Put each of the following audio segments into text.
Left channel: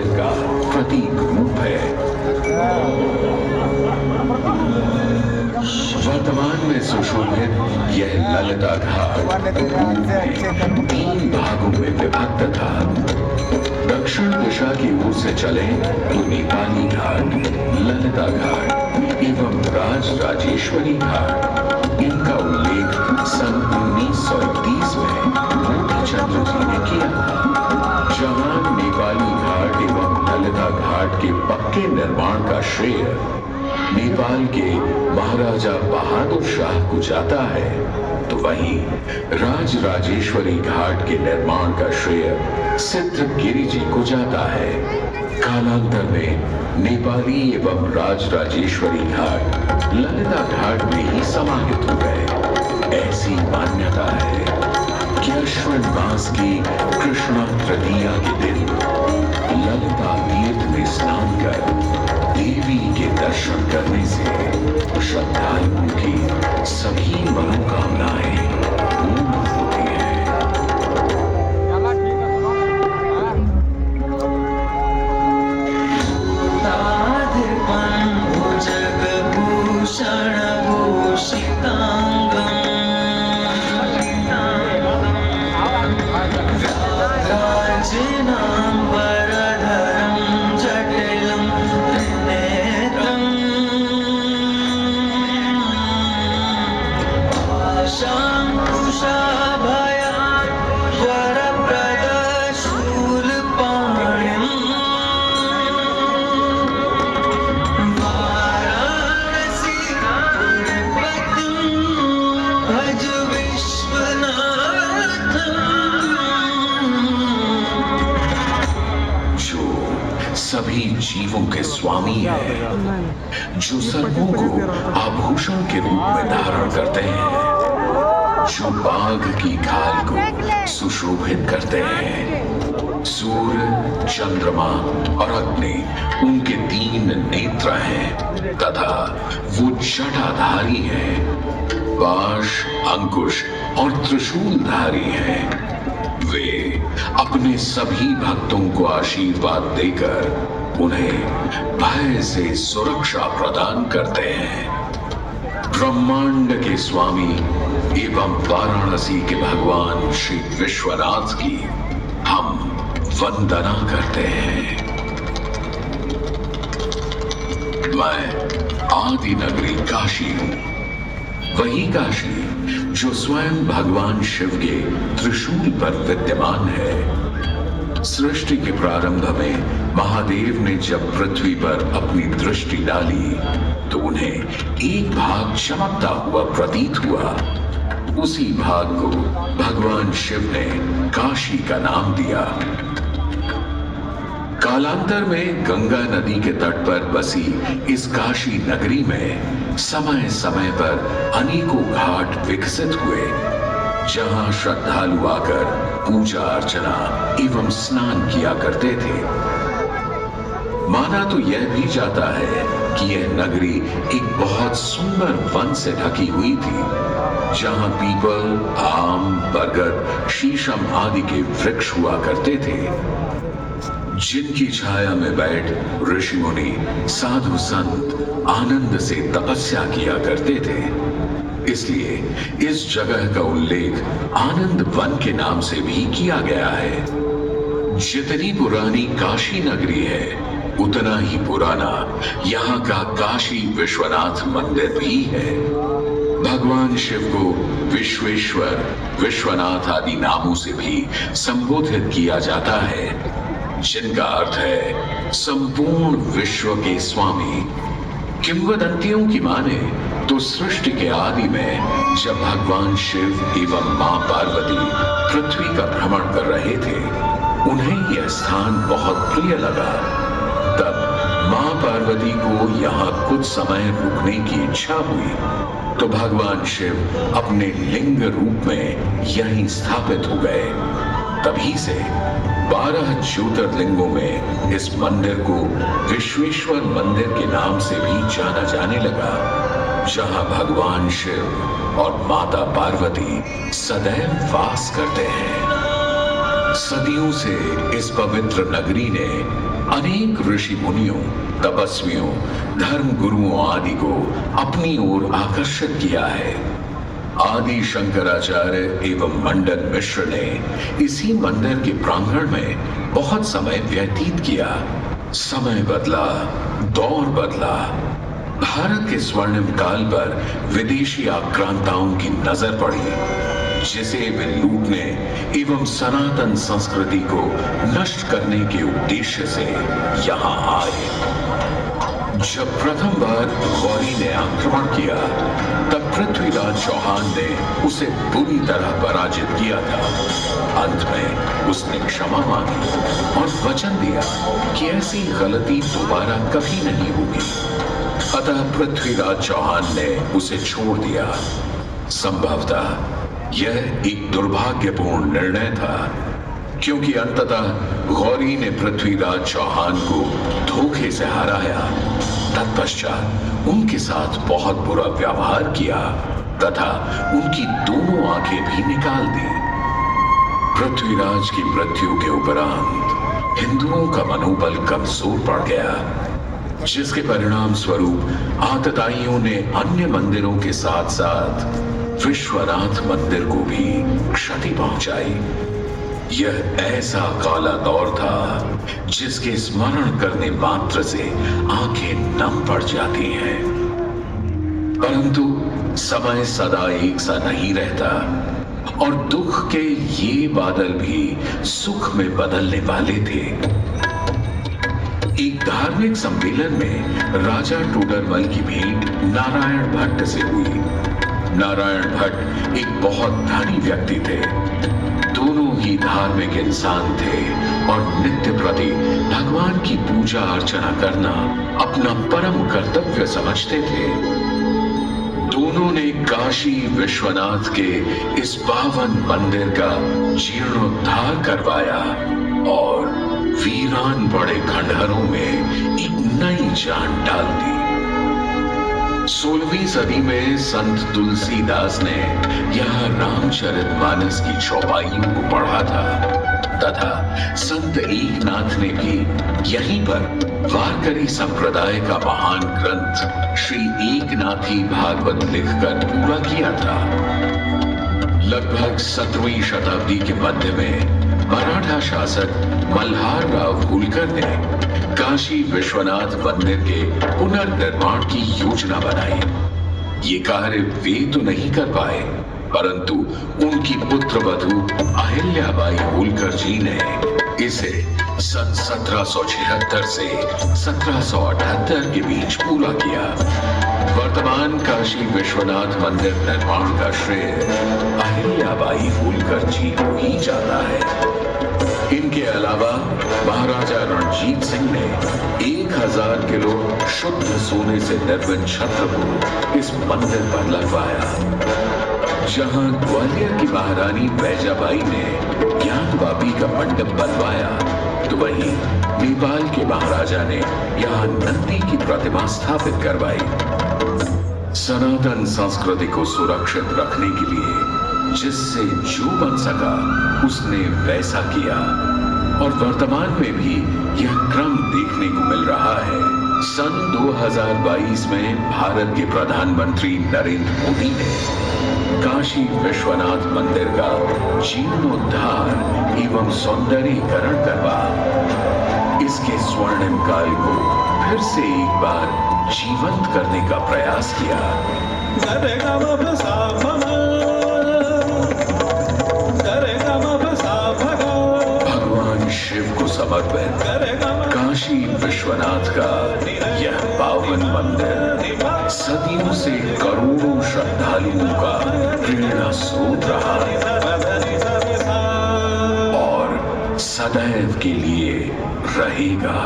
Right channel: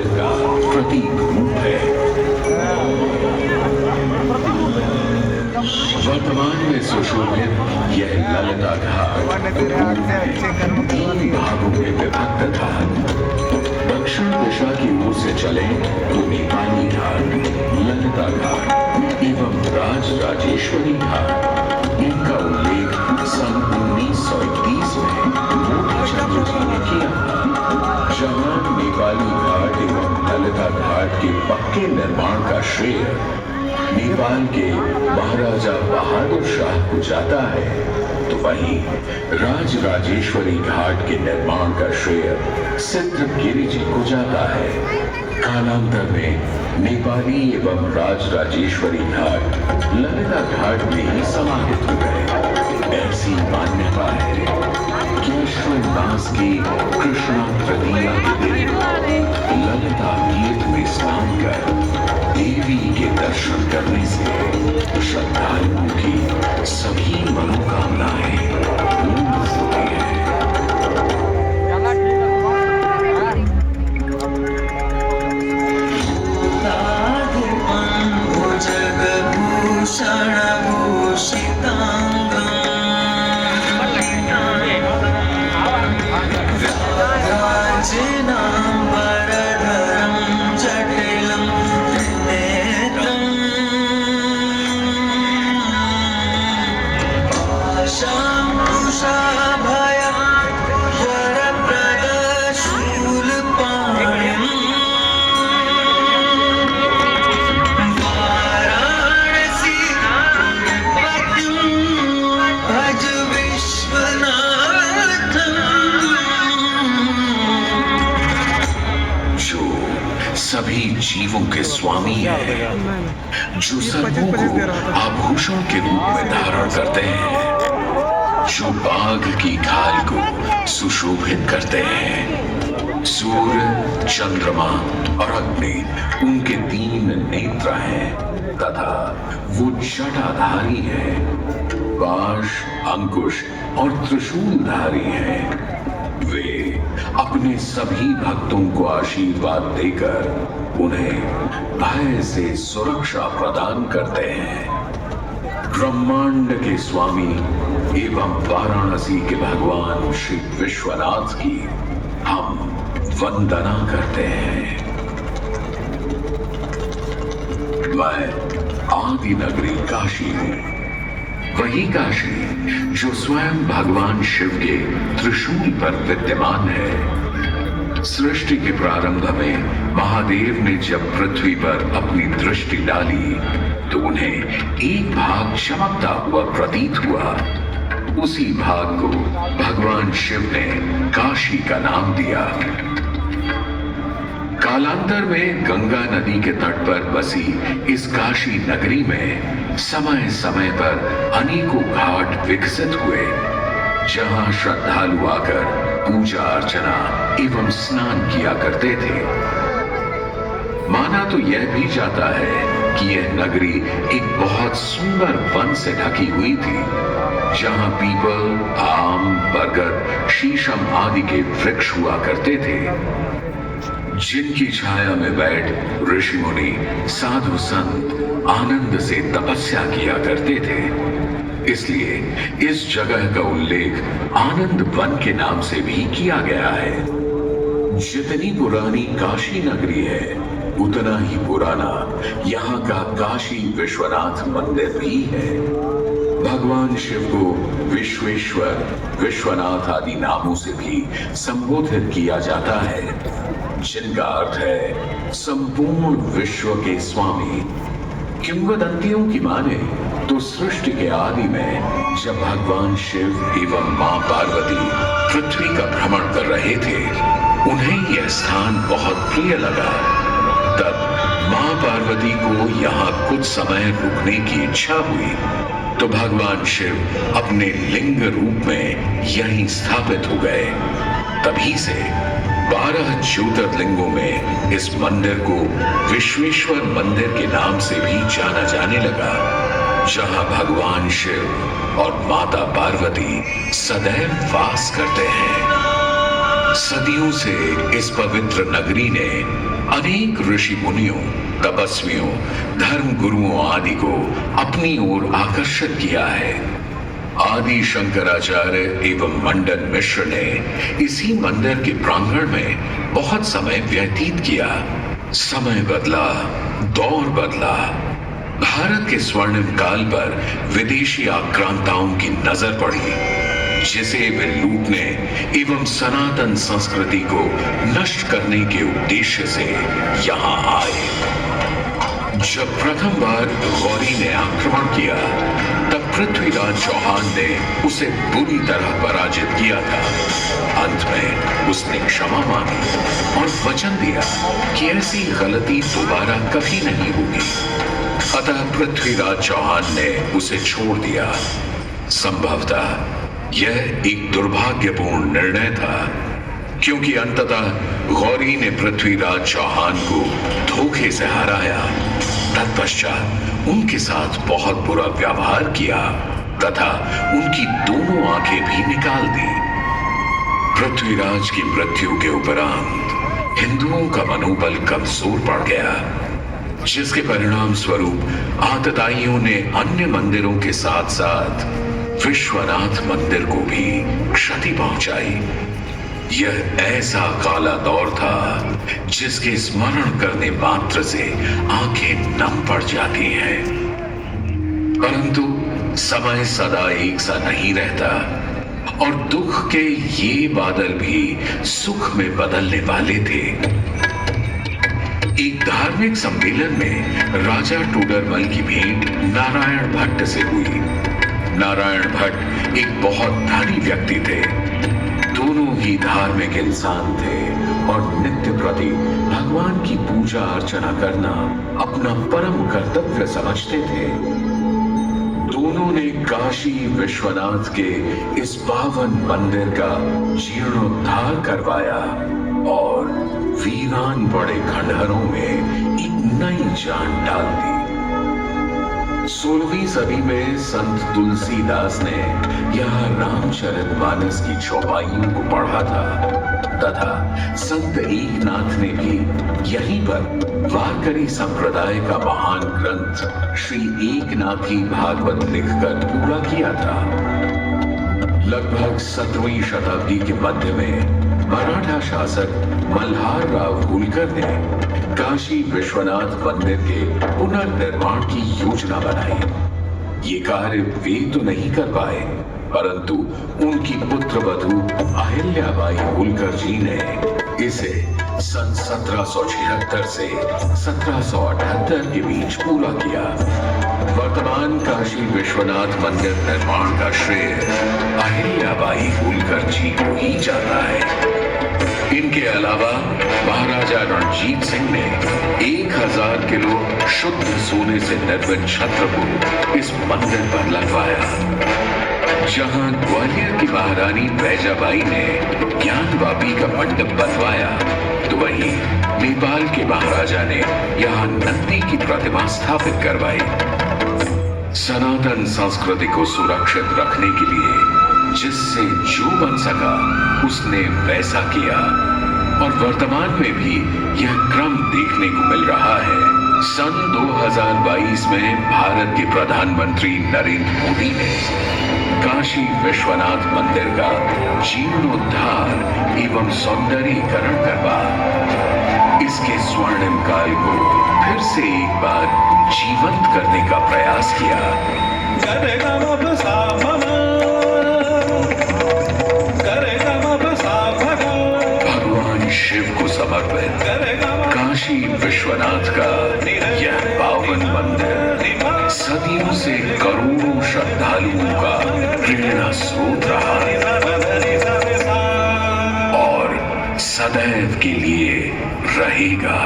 मंदिर का प्रतीक रूप है। वर्तमान में सुशोभित यह ललिता घाट तीन भागों में विभक्त था। दक्षिण दिशा की ओर से चले तो नेपाली घाट, ललिता घाट एवं राजराजेश्वरी घाट। इनका उल्लेख सन 1930 में मोतीचंद्र जी ने किया था, जहां नेपाली घाट एवं ललिता घाट के पक्के निर्माण का श्रेय नेपाल के महाराजा बहादुर शाह को जाता है, तो वहीं राजराजेश्वरी घाट के निर्माण का श्रेय सिद्धगिरी जी को जाता है। कालांतर में नेपाली एवं राजराजेश्वरी घाट ललिता घाट में ही समाहित हो गए। ऐसी मान्यता है कि अश्विन मास की कृष्ण तृतीया के दिन ललिता तीर्थ में स्नान कर देवी के दर्शन करने से श्रद्धालुओं की सभी मनोकामनाएं पूर्ण होती है। सभी जीवों के स्वामी है, जो सर्वों को आभूषण के रूप में धारण करते हैं, जो बाघ की खाल को सुशोभित करते हैं। सूर्य, चंद्रमा और अग्नि उनके तीन नेत्र हैं तथा वो जटाधारी है, पाश, अंकुश और त्रिशूलधारी है। वे अपने सभी भक्तों को आशीर्वाद देकर उन्हें भय से सुरक्षा प्रदान करते हैं। ब्रह्मांड के स्वामी एवं वाराणसी के भगवान श्री विश्वनाथ की हम वंदना करते हैं। मैं आदि नगरी काशी, वही काशी जो स्वयं भगवान शिव के त्रिशूल पर विद्यमान है। सृष्टि के प्रारंभ में महादेव ने जब पृथ्वी पर अपनी दृष्टि डाली तो उन्हें एक भाग चमकता हुआ प्रतीत हुआ। उसी भाग को भगवान शिव ने काशी का नाम दिया। कालांतर में गंगा नदी के तट पर बसी इस काशी नगरी में समय समय पर अनेकों घाट विकसित हुए, जहां श्रद्धालु आकर पूजा अर्चना एवं स्नान किया करते थे। माना तो यह भी जाता है कि यह नगरी एक बहुत सुंदर वन से ढकी हुई थी, जहां पीपल, आम, बरगद, शीशम आदि के वृक्ष हुआ करते थे, जिनकी छाया में बैठ ऋषि मुनि, साधु संत आनंद से तपस्या किया करते थे। इसलिए इस जगह का उल्लेख आनंद वन के नाम से भी किया गया है। जितनी पुरानी काशी नगरी है, उतना ही पुराना यहाँ का काशी विश्वनाथ मंदिर भी है। भगवान शिव को विश्वेश्वर, विश्वनाथ आदि नामों से भी संबोधित किया जाता है, जिनका अर्थ है संपूर्ण विश्व के स्वामी। किंवदंतियों की माने तो सृष्टि के आदि में जब भगवान शिव एवं मां पार्वती पृथ्वी का भ्रमण कर रहे थे, उन्हें यह स्थान बहुत प्रिय लगा। तब मां पार्वती को यहाँ कुछ समय रुकने की इच्छा हुई, तो भगवान शिव अपने लिंग रूप में यहीं स्थापित हो गए। तभी से 12 ज्योतिर्लिंगों में इस मंदिर को विश्वेश्वर मंदिर के नाम से भी जाना जाने लगा, जहां भगवान शिव और माता पार्वती सदैव वास करते हैं। सदियों से इस पवित्र नगरी ने अनेक ऋषि मुनियों, तपस्वियों, धर्म गुरुओं आदि को अपनी ओर आकर्षित किया है। आदि शंकराचार्य एवं मंडन मिश्र ने इसी मंदिर के प्रांगण में बहुत समय व्यतीत किया। समय बदला, दौर बदला। भारत के स्वर्णिम काल पर विदेशी आक्रांताओं की नजर पड़ी, जिसे वे लूटने एवं सनातन संस्कृति को नष्ट करने के उद्देश्य से यहां आए। जब प्रथम बार गौरी ने आक्रमण किया, तब पृथ्वीराज चौहान ने उसे बुरी तरह पराजित किया था। अंत में उसने क्षमा मांगी और वचन दिया कि ऐसी गलती दोबारा कभी नहीं होगी। अतः पृथ्वीराज चौहान ने उसे छोड़ दिया। संभवतः यह एक दुर्भाग्यपूर्ण निर्णय था, क्योंकि अंततः गौरी ने पृथ्वीराज चौहान को धोखे से हराया। तत्पश्चात उनके साथ बहुत बुरा व्यवहार किया तथा उनकी दोनों आंखें भी निकाल दी। पृथ्वीराज की मृत्यु के उपरांत हिंदुओं का मनोबल कमजोर पड़ गया, जिसके परिणाम स्वरूप आतताइयों ने अन्य मंदिरों के साथ साथ विश्वनाथ मंदिर को भी क्षति पहुंचाई। यह ऐसा काला दौर था जिसके स्मरण करने मात्र से आंखें नम पड़ जाती हैं। परंतु समय सदा एक सा नहीं रहता और दुख के ये बादल भी सुख में बदलने वाले थे। एक धार्मिक सम्मेलन में राजा टोडरमल की भेंट नारायण भट्ट से हुई। नारायण भट्ट एक बहुत धनी व्यक्ति थे। दोनों ही धार्मिक इंसान थे और नित्य प्रति भगवान की पूजा अर्चना करना अपना परम कर्तव्य समझते थे। दोनों ने काशी विश्वनाथ के इस पावन मंदिर का जीर्णोद्धार करवाया और वीरान बड़े खंडहरों में एक नई जान डाल दी। 16वीं सदी में संत तुलसीदास ने यहाँ रामचरितमानस की चौपाइयों को पढ़ा था तथा संत एकनाथ ने भी यहीं पर वारकरी संप्रदाय का महान ग्रंथ श्री एकनाथी भागवत लिखकर पूरा किया था। लगभग 17वीं शताब्दी के मध्य में मराठा शासक मल्हार राव होलकर ने काशी विश्वनाथ मंदिर के पुनर्निर्माण की योजना बनाई। ये कार्य वे तो नहीं कर पाए, परंतु उनकी पुत्रवधू अहिल्याबाई होलकर जी ने इसे सन 1776 से 1778 के बीच पूरा किया। वर्तमान काशी विश्वनाथ मंदिर निर्माण का श्रेय अहिल्याबाई होलकर जी को ही जाता है। इनके अलावा महाराजा रणजीत सिंह ने 1000 किलो शुद्ध सोने से निर्मित छत्र को इस मंदिर पर लगवाया। जहां ग्वालियर की महारानी बैजाबाई ने ज्ञानवापी का मंडप बनवाया, तो वहीं नेपाल के महाराजा ने यहाँ नंदी की प्रतिमा स्थापित करवाई। सनातन संस्कृति को सुरक्षित रखने के लिए जिससे जो बन सका उसने वैसा किया और वर्तमान में भी यह क्रम देखने को मिल रहा है। सन 2022 में भारत के प्रधानमंत्री नरेंद्र मोदी ने काशी विश्वनाथ मंदिर का जीर्णोद्धार एवं सौंदर्यीकरण करवा इसके स्वर्णिम काल को फिर से एक बार जीवंत करने का प्रयास किया। भगवान शिव को समर्पित काशी विश्वनाथ का यह पावन मंदिर सदियों से करोड़ों श्रद्धालुओं का प्रेरणा स्रोत रहा और सदैव के लिए रहेगा।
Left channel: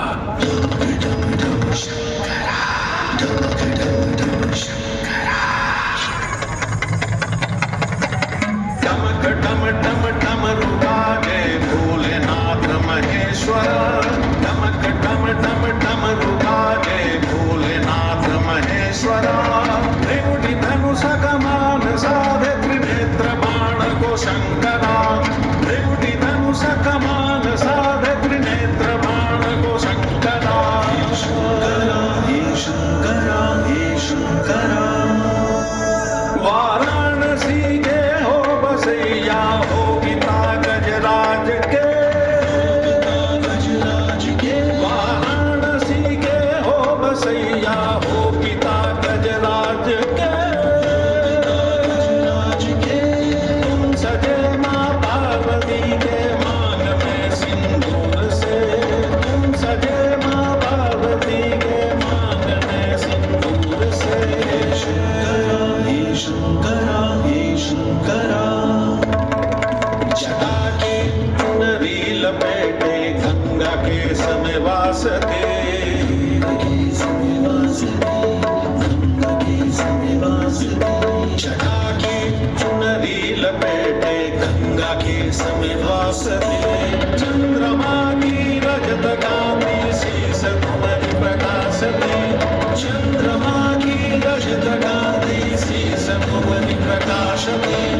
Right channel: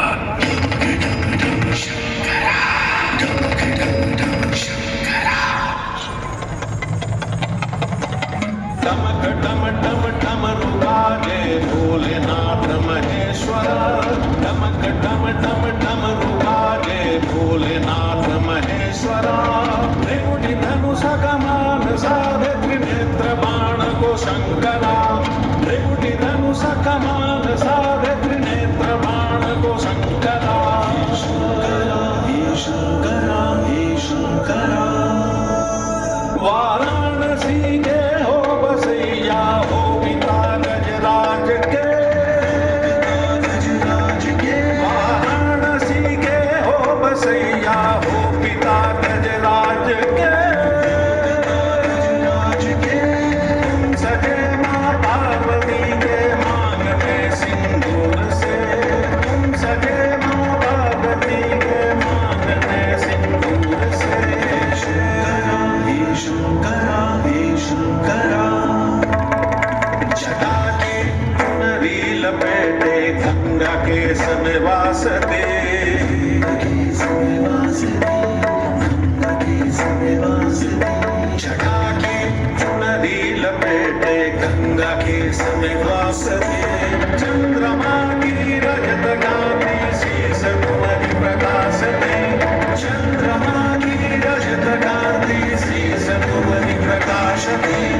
शंकरा त्रिकुटी धनुष कमान साधे त्रिनेत्र बाण को शंकर वासते जटा की चुनरी लपेटे गंगा के समय वासते चंद्रमा की रजत गांधी शीस तुम्हारी प्रकाशते चंद्रमा की रजत गांधी शीस तुम्हारी प्रकाशते